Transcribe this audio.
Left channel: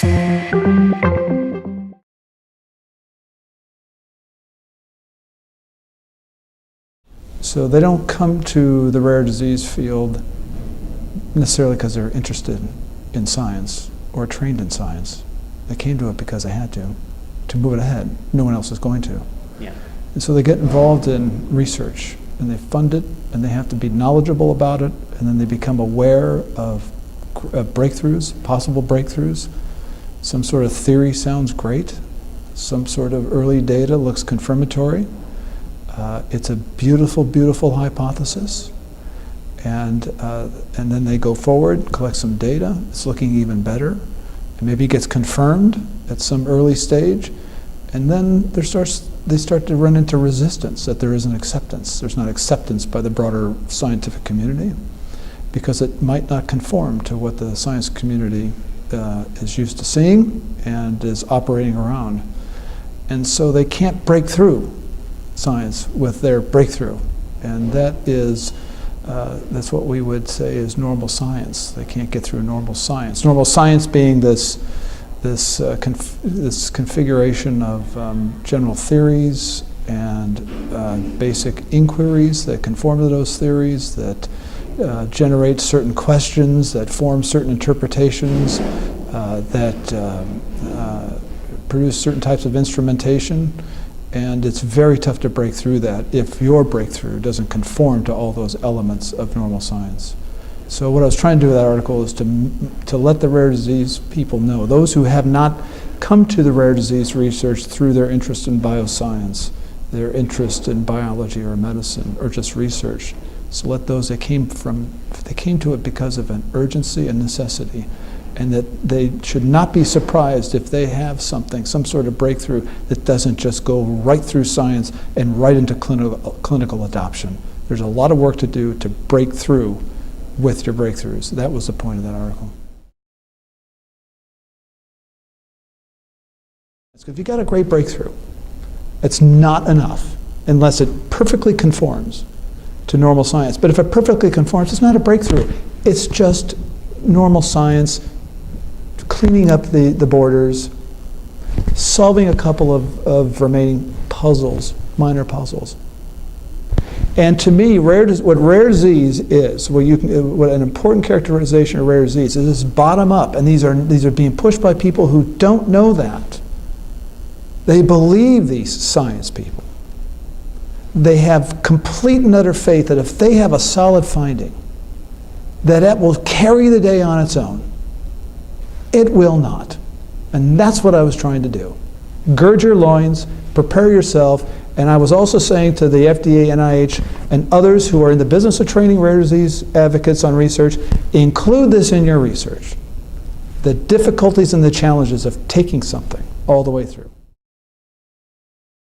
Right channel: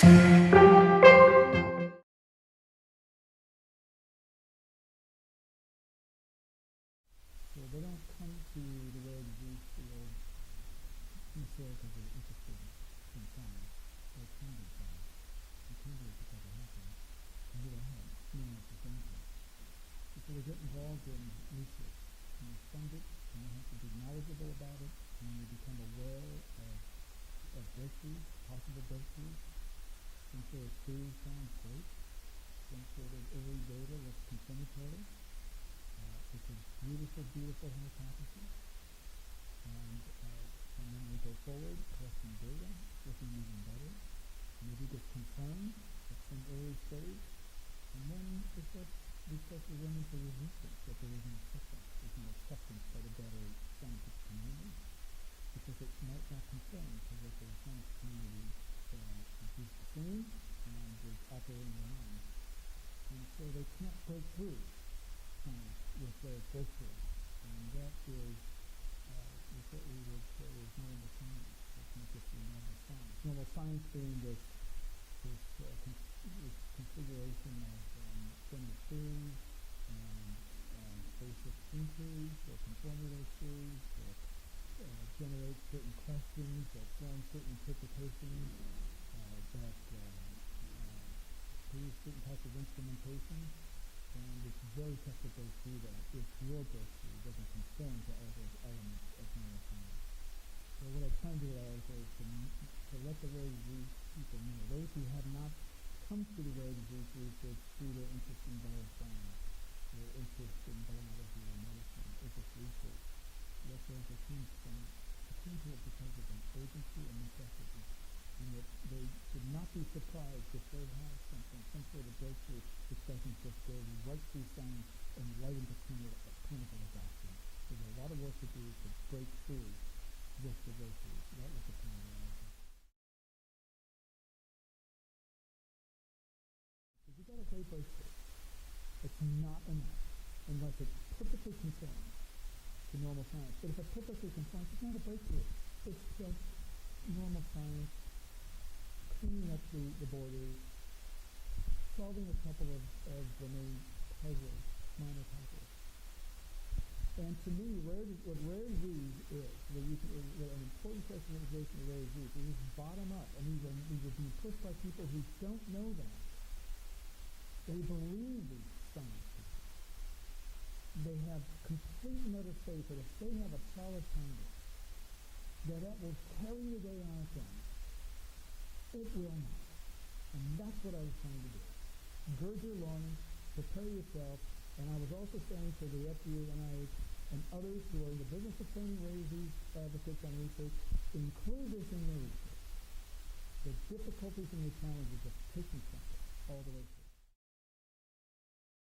So they don't come to the rare disease field necessarily because they're interested in science or trained in science. They came to it because they had to move it ahead. No one else is going to. Yeah. And so they get involved in research, and they fund it, and they have to be knowledgeable about it, and then they become aware of breakthroughs, possible breakthroughs. Some sort of theory sounds great. Some sort of early data looks confirmatory. It's a beautiful, beautiful hypothesis. And then they go forward, collect some data. It's looking even better. And maybe it gets confirmed at some early stage. And then they start to run into resistance, that there isn't acceptance. There's not acceptance by the broader scientific community because it might not conform to what the science community is used to seeing and is operating around. And so they can't break through science with their breakthrough. And that is, that's what we would say is normal science. They can't get through normal science. Normal science being this configuration of general theories and basic inquiries that conform to those theories, that generate certain questions, that form certain interpretations, that produce certain types of instrumentation. And it's very tough to break through that if your breakthrough doesn't conform to all those elements of normal science. So what I was trying to do with that article is to let the rare disease people know, those who have not come to the rare disease research through their interest in bioscience, their interest in biology or medicine or just research. So let those that came to it because of an urgency and necessity, and that they should not be surprised if they have something, some sort of breakthrough that doesn't just go right through science and right into clinical adoption. There's a lot of work to do to break through with your breakthroughs. That was the point of that article. If you got a great breakthrough, it's not enough unless it perfectly conforms to normal science. But if it perfectly conforms, it's not a breakthrough. It's just normal science, cleaning up the borders, solving a couple of remaining puzzles, minor puzzles. And to me, what rare disease is, what an important characterization of rare disease is this bottom up, and these are being pushed by people who don't know that. They believe these science people. They have complete and utter faith that if they have a solid finding, that it will carry the day on its own. It will not. And that's what I was trying to do. Gird your loins, prepare yourself, and I was also saying to the FDA, NIH, and others who are in the business of training rare disease advocates on research, include this in your research. The difficulties and the challenges of taking something all the way through.